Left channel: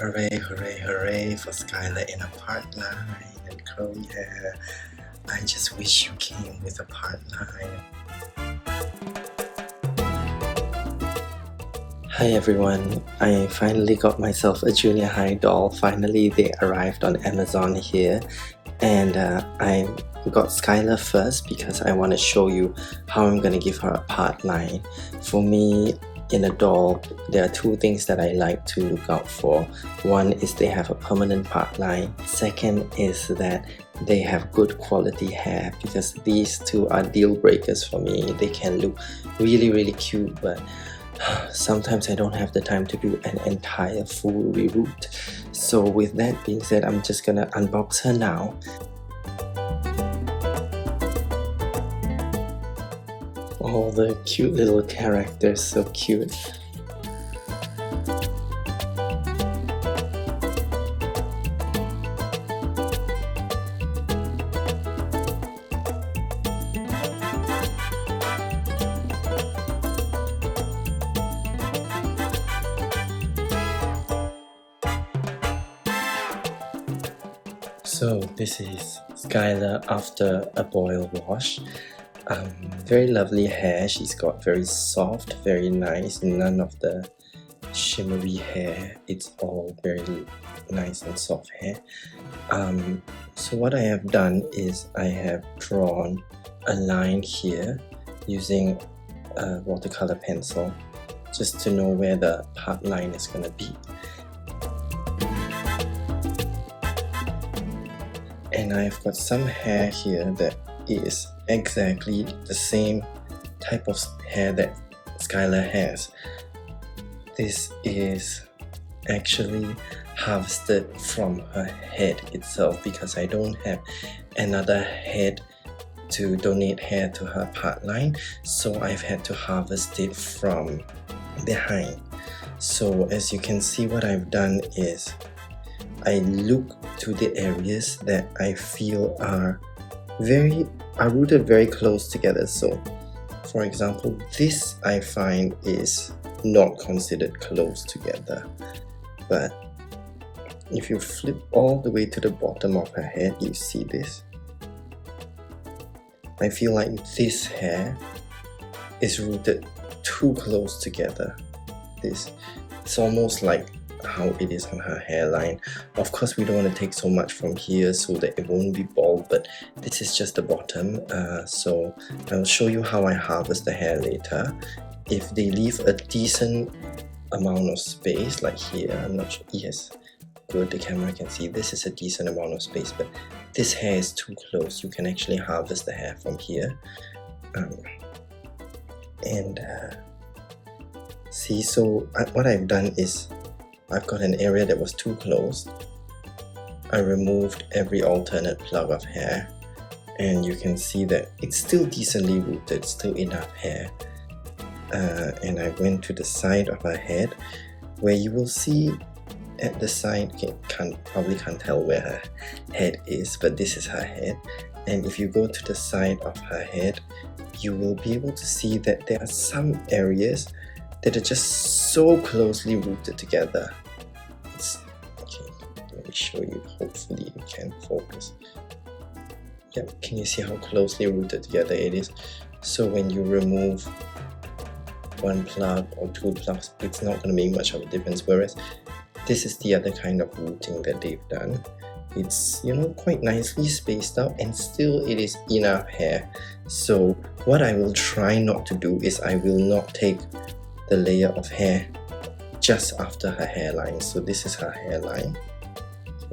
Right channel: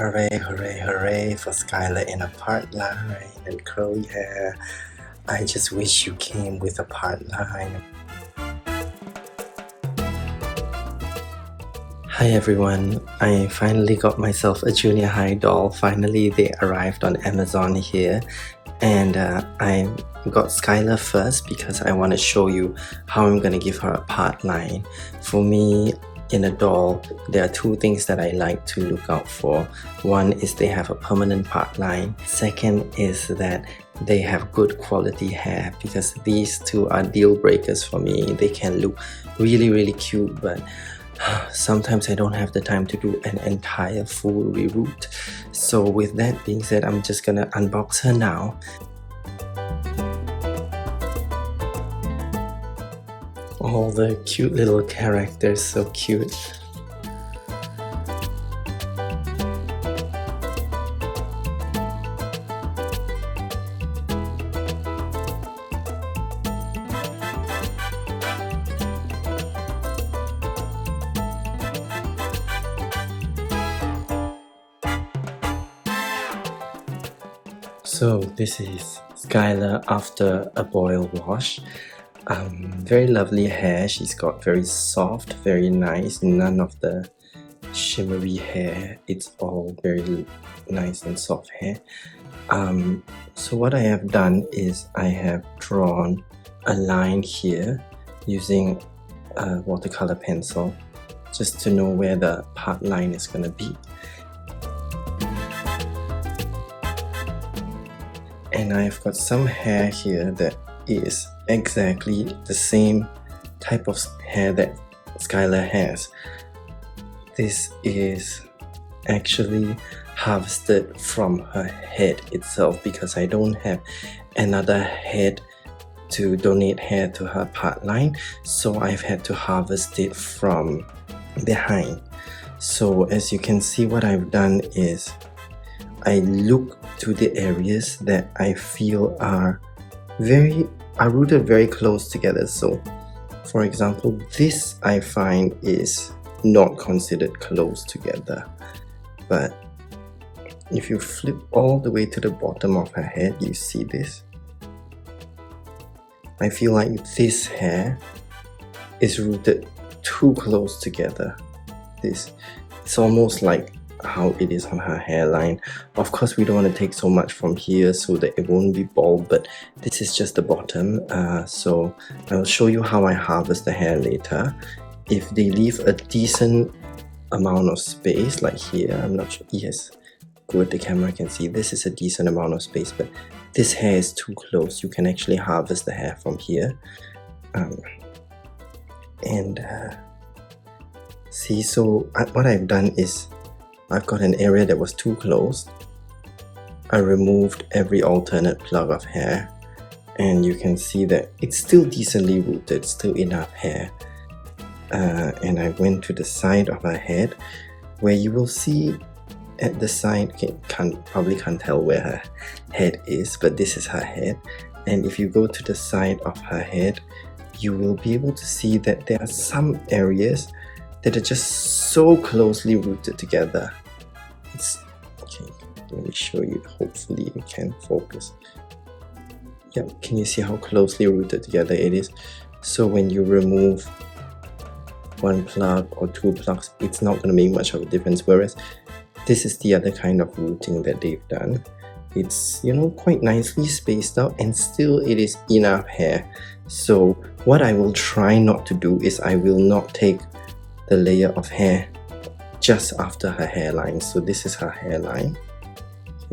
Hooray, hooray, hooray for Skylar in a partline and curly hair. I just wish you came with a partline. Hi everyone, I finally got myself a junior high doll. Finally they arrived on Amazon here, and I got Skylar first because I want to show you how I'm going to give her a partline. For me, in a doll, there are two things that I like to look out for. One is they have a permanent partline. Second is that they have good quality hair, because these two are deal breakers for me. They can look really cute, but sometimes I don't have the time to do an entire full reroot. So with that being said, I'm just gonna unbox her now. All the cute little characters, so cute. So this is Skylar after a boil wash. Very lovely hair. She's got very soft, very nice, none of the shimmery hair. It's all very nice and soft hair. So what I have done is I have drawn a line here using a watercolor pencil just to know where the part line is going to be. And I've got some hair here that is exactly the same type of hair that Skylar has. This is actually harvested from her head itself, because I don't have another head to donate hair to her part line, so I've had to harvest it from behind. So as you can see, what I've done is I look to the areas that I feel are rooted very close together. So for example, this I find is not considered close together, but if you flip all the way to the bottom of her head, you see this. I feel like this hair is rooted too close together. It's almost like how it is on her hairline. Of course, we don't want to take so much from here so that it won't be bald, but this is just the bottom. So I'll show you how I harvest the hair later. If they leave a decent amount of space, like here, I'm not sure, yes, good, the camera can see this is a decent amount of space, but this hair is too close. You can actually harvest the hair from here. See, so what I've done is I've got an area that was too close. I removed every alternate plug of hair, and you can see that it's still decently rooted, still enough hair. And I went to the side of her head, where you will see at the side, probably can't tell where her head is, but this is her head. And if you go to the side of her head, you will be able to see that there are some areas that are just so closely rooted together. Okay, let me show you. Hopefully you can focus. Yep, can you see how closely rooted together it is? So when you remove one plug or two plugs, it's not going to make much of a difference, whereas this is the other kind of rooting that they've done. It's, you know, quite nicely spaced out, and still it is enough hair. So what I will try not to do is I will not take the layer of hair just after her hairline. So this is her hairline.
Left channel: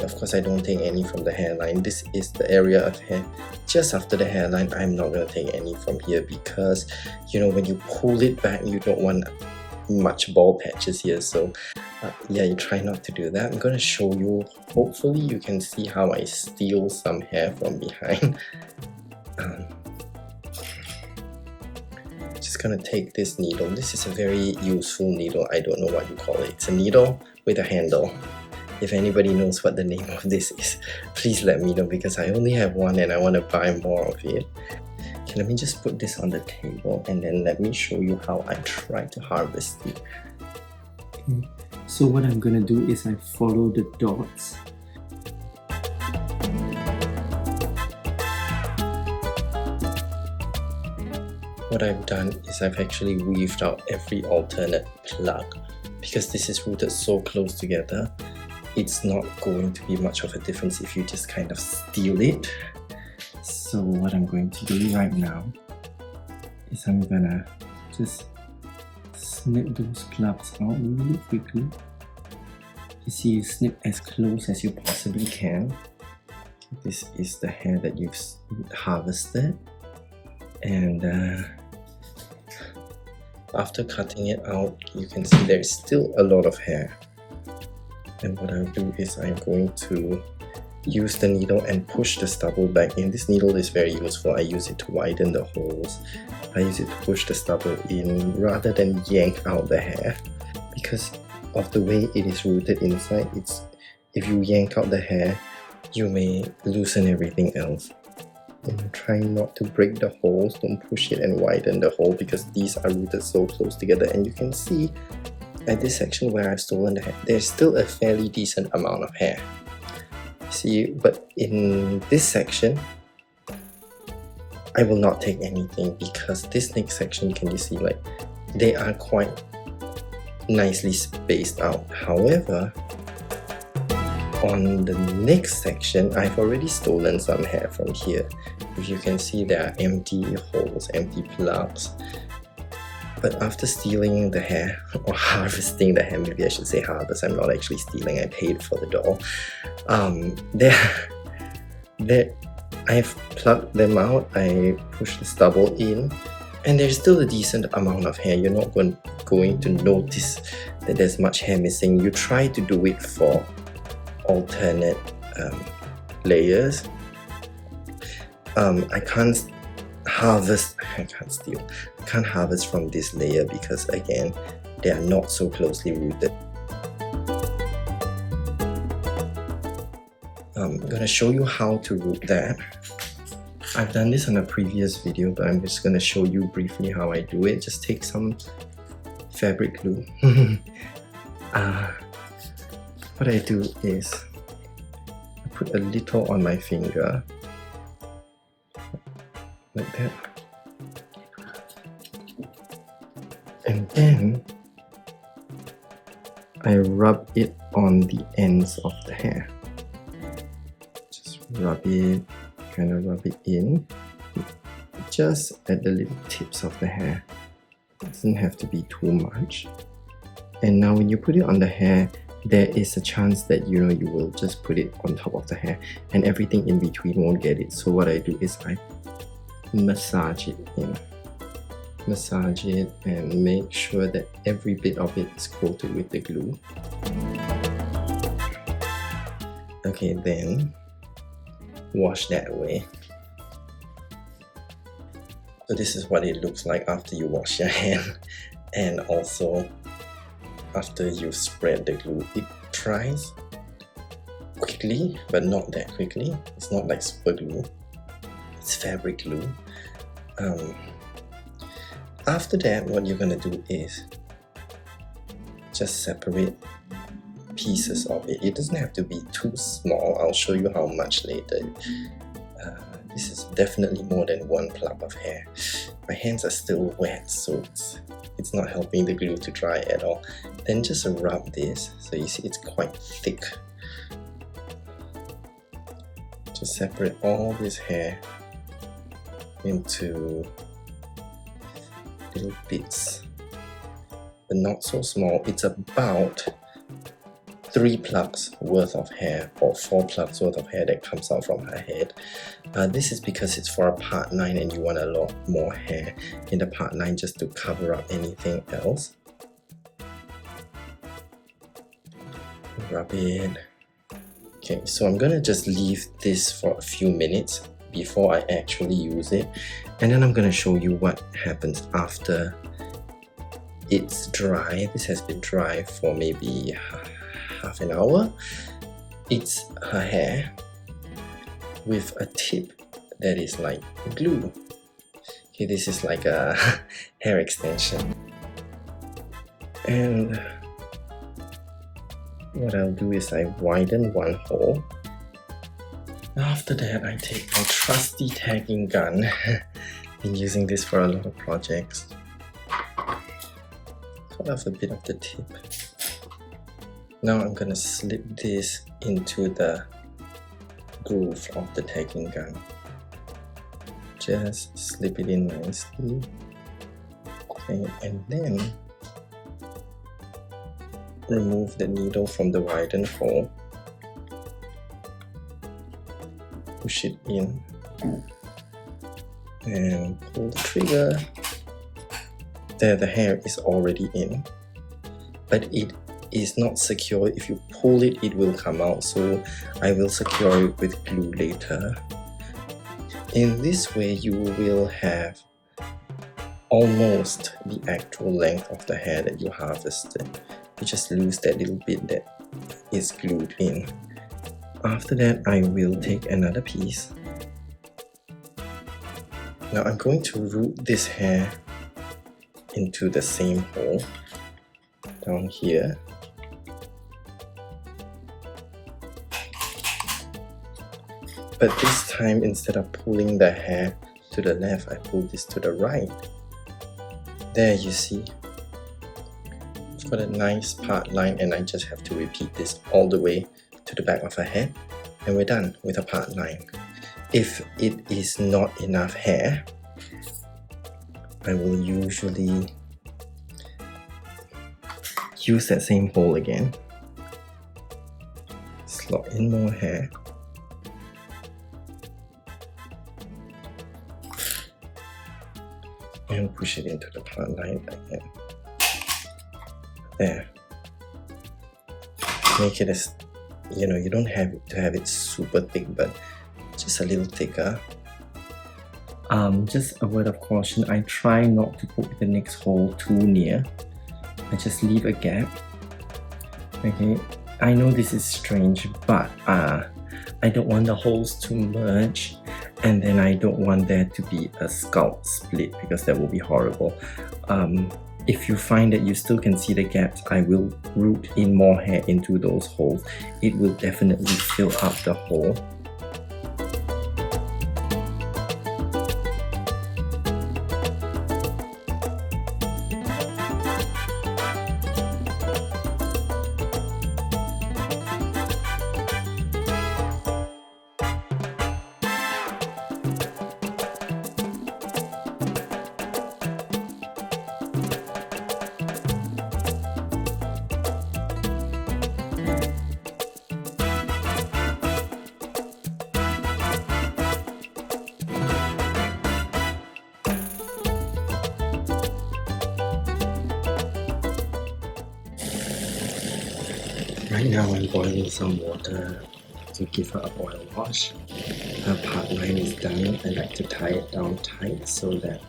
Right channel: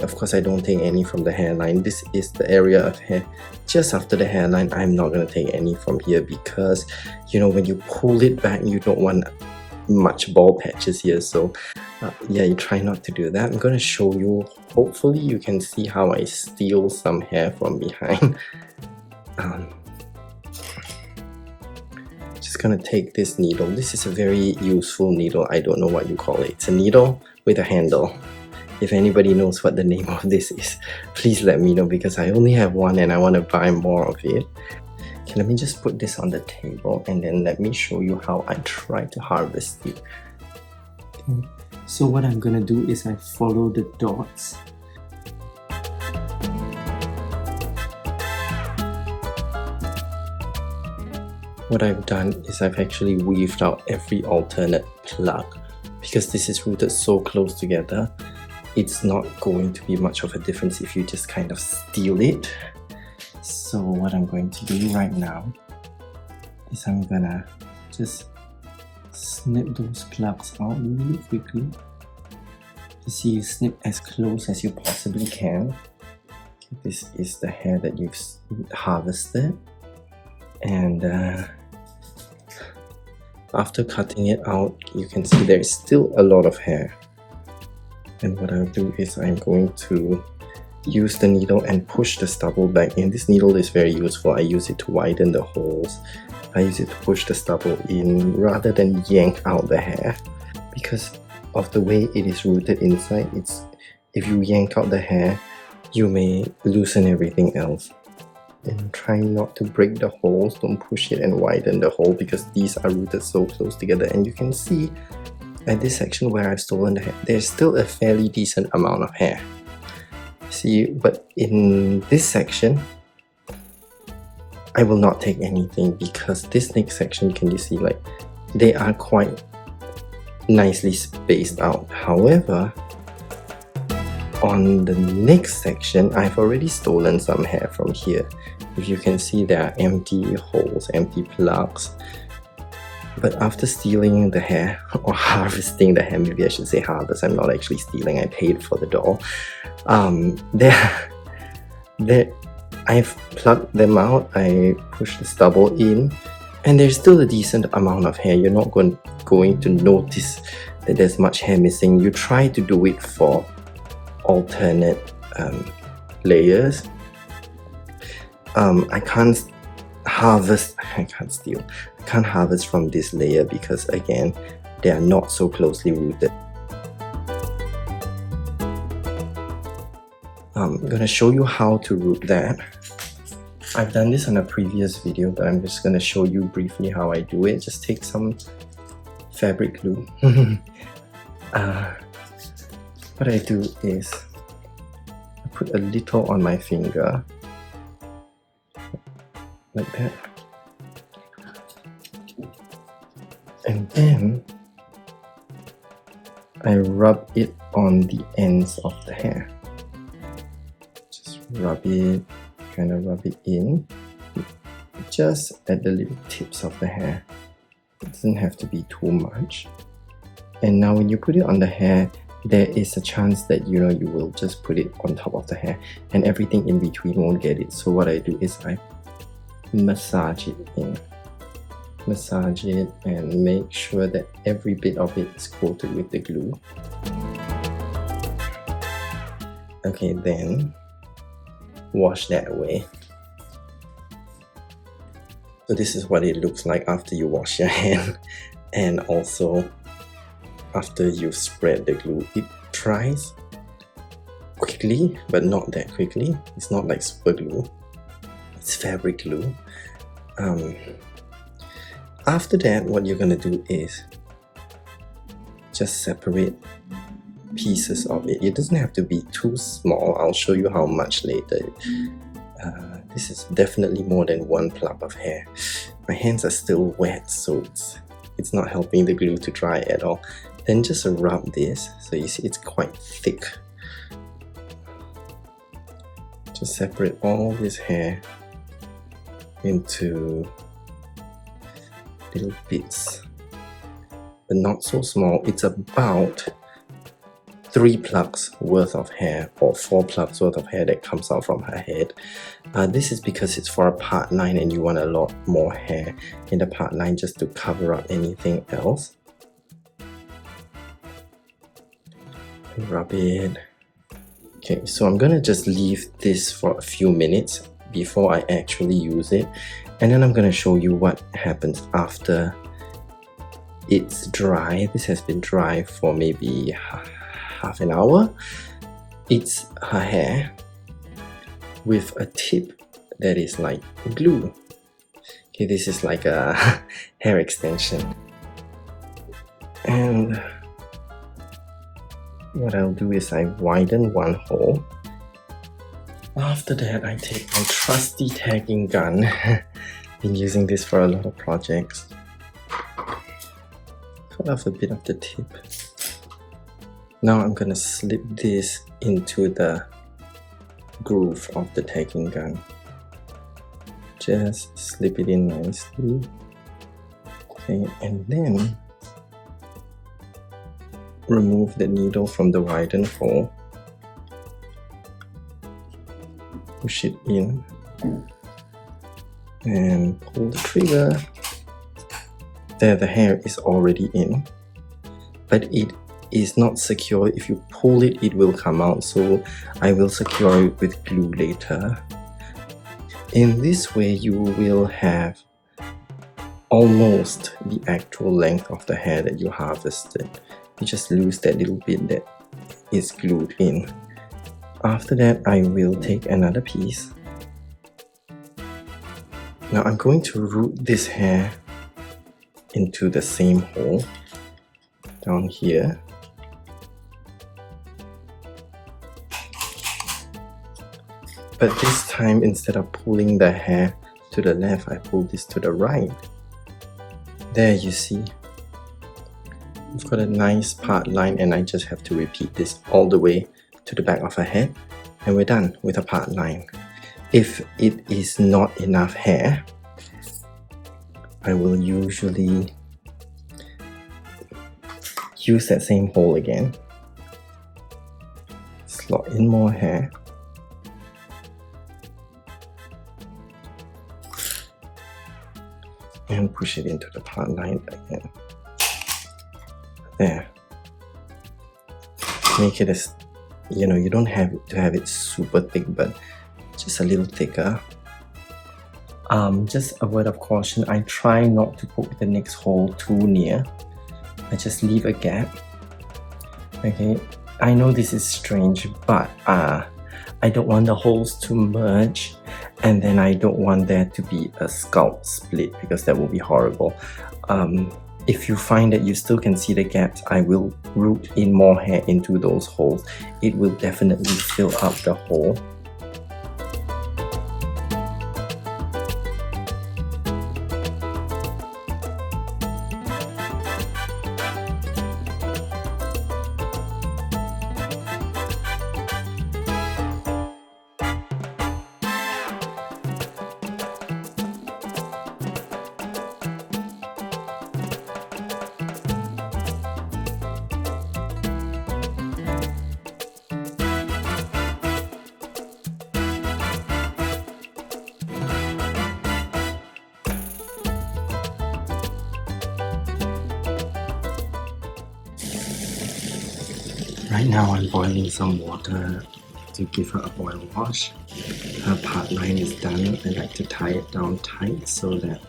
Of course, I don't take any from the hairline. This is the area of hair just after the hairline. I'm not going to take any from here, because, you know, when you pull it back, you don't want much bald patches here. So yeah, you try not to do that. I'm going to show you. Hopefully you can see how I steal some hair from behind. Just gonna take this needle. This is a very useful needle. I don't know what you call it. It's a needle with a handle. If anybody knows what the name of this is, please let me know, because I only have one and I want to buy more of it. Okay, let me just put this on the table, and then let me show you how I try to harvest it. So what I'm gonna do is I follow the dots. What I've done is I've actually weaved out every alternate plug. Because this is rooted so close together, it's not going to be much of a difference if you just kind of steal it. So what I'm going to do right now is I'm gonna just snip those plugs out really quickly. You see, you snip as close as you possibly can. This is the hair that you've harvested, and after cutting it out, you can see there's still a lot of hair. And what I'll do is I'm going to use the needle and push the stubble back in. This needle is very useful. I use it to widen the holes. I use it to push the stubble in rather than yank out the hair. Because of the way it is rooted inside, if you yank out the hair, you may loosen everything else. And try not to break the holes. Don't push it and widen the hole because these are rooted so close together. And you can see at this section where I've stolen the hair, there's still a fairly decent amount of hair. See, but in this section, I will not take anything because this next section, you can just see like they are quite nicely spaced out. However, on the next section, I've already stolen some hair from here. If you can see, there are empty holes, empty plugs. But after stealing the hair, or harvesting the hair, maybe I should say harvest, I'm not actually stealing, I paid for the doll. I've plucked them out, I pushed the stubble in, and there's still a decent amount of hair. You're not going to notice that there's much hair missing. You try to do it for alternate layers. I can't harvest from this layer because again, they are not so closely rooted. I'm gonna show you how to root that. I've done this on a previous video, but I'm just gonna show you briefly how I do it. Just take some fabric glue. What I do is I put a little on my finger, like that, and then I rub it on the ends of the hair. Just rub it, kind of rub it in, just at the little tips of the hair. It doesn't have to be too much. And now when you put it on the hair, there is a chance that you will just put it on top of the hair and everything in between won't get it. So what I do is I massage it in. Massage it and make sure that every bit of it is coated with the glue. Okay, then wash that away. So this is what it looks like after you wash your hand, and also after you spread the glue. It dries quickly, but not that quickly. It's not like super glue, it's fabric glue. After that, what you're gonna do is just separate pieces of it. It doesn't have to be too small. I'll show you how much later. This is definitely more than one plug of hair. My hands are still wet, so it's not helping the glue to dry at all. Then just rub this, so you see it's quite thick. Just separate all this hair into little bits, but not so small. It's about 3 plugs worth of hair or 4 plugs worth of hair that comes out from her head. This is because it's for a part line and you want a lot more hair in the part line just to cover up anything else. Rub it. Okay, so I'm gonna just leave this for a few minutes before I actually use it, and then I'm gonna show you what happens after it's dry. This has been dry for maybe half an hour. It's her hair with a tip that is like glue. Okay, this is like a hair extension, and what I'll do is I widen one hole. After that, I take my trusty tagging gun. Been using this for a lot of projects. Cut off a bit of the tip. Now I'm gonna slip this into the groove of the tagging gun. Just slip it in nicely. Okay, and then remove the needle from the widened hole. Push it in and pull the trigger. There, the hair is already in, but it is not secure. If you pull it, it will come out, so I will secure it with glue later. In this way, you will have almost the actual length of the hair that you harvested. You just lose that little bit that is glued in. After that, I will take another piece. Now I'm going to root this hair into the same hole down here. But this time, instead of pulling the hair to the left, I pull this to the right. There, you see. I've got a nice part line, and I just have to repeat this all the way to the back of her head, and we're done with a part line. If it is not enough hair, I will usually use that same hole again, slot in more hair, and push it into the part line again. There. Make it as, you don't have to have it super thick, but just a little thicker. Just a word of caution, I try not to poke the next hole too near. I just leave a gap. Okay, I know this is strange, but I don't want the holes to merge, and then I don't want there to be a scalp split, because that will be horrible. If you find that you still can see the gaps, I will root in more hair into those holes. It will definitely fill up the hole. Right now I'm boiling some water to give her a boil wash. Her part line is done. I like to tie it down tight so that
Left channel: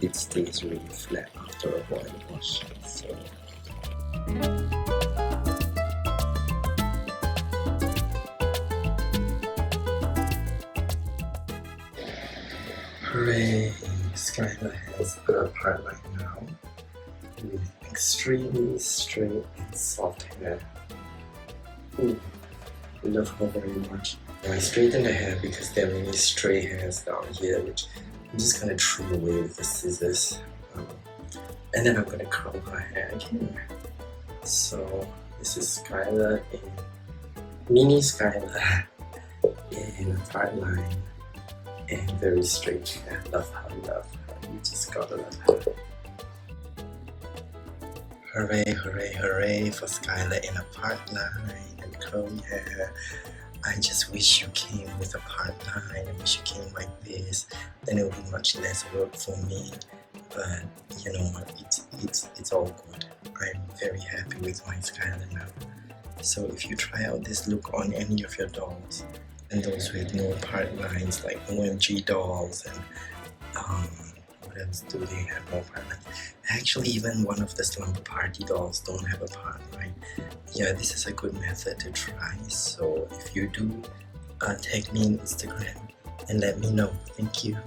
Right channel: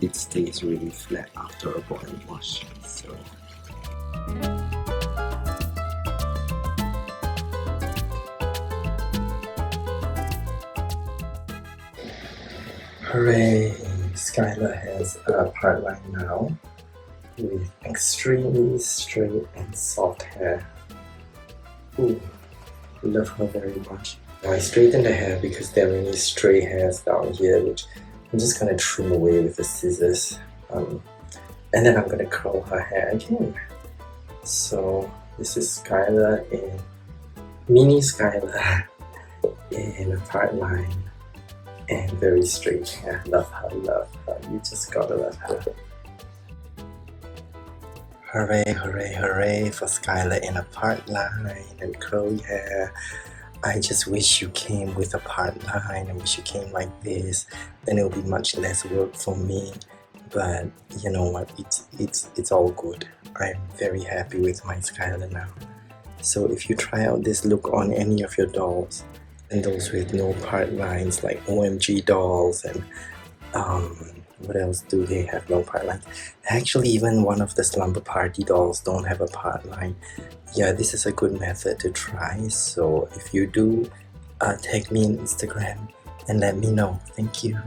it stays really flat after a boil wash. So hooray! Skylar has a part line now with extremely straight and soft hair. Ooh, I love her very much. Now I straighten the hair because there are many stray hairs down here, which I'm just gonna trim away with the scissors. And then I'm gonna curl her hair again. So this is Skylar in mini Skylar in a part line and very straight hair. Love her, love her. You just gotta love her. Hooray, hooray, hooray for Skylar in a part line and curly hair. I just wish you came with a part line. I wish you came like this. Then it will be much less work for me. But you know what? It's all good. I'm very happy with my Skylar now. So if you try out this look on any of your dolls, and those with no part lines like OMG dolls and what else do they have no part lines? Actually, even one of the Slumber Party dolls don't have a part line. Yeah, this is a good method to try. So if you do, tag me on Instagram and let me know. Thank you.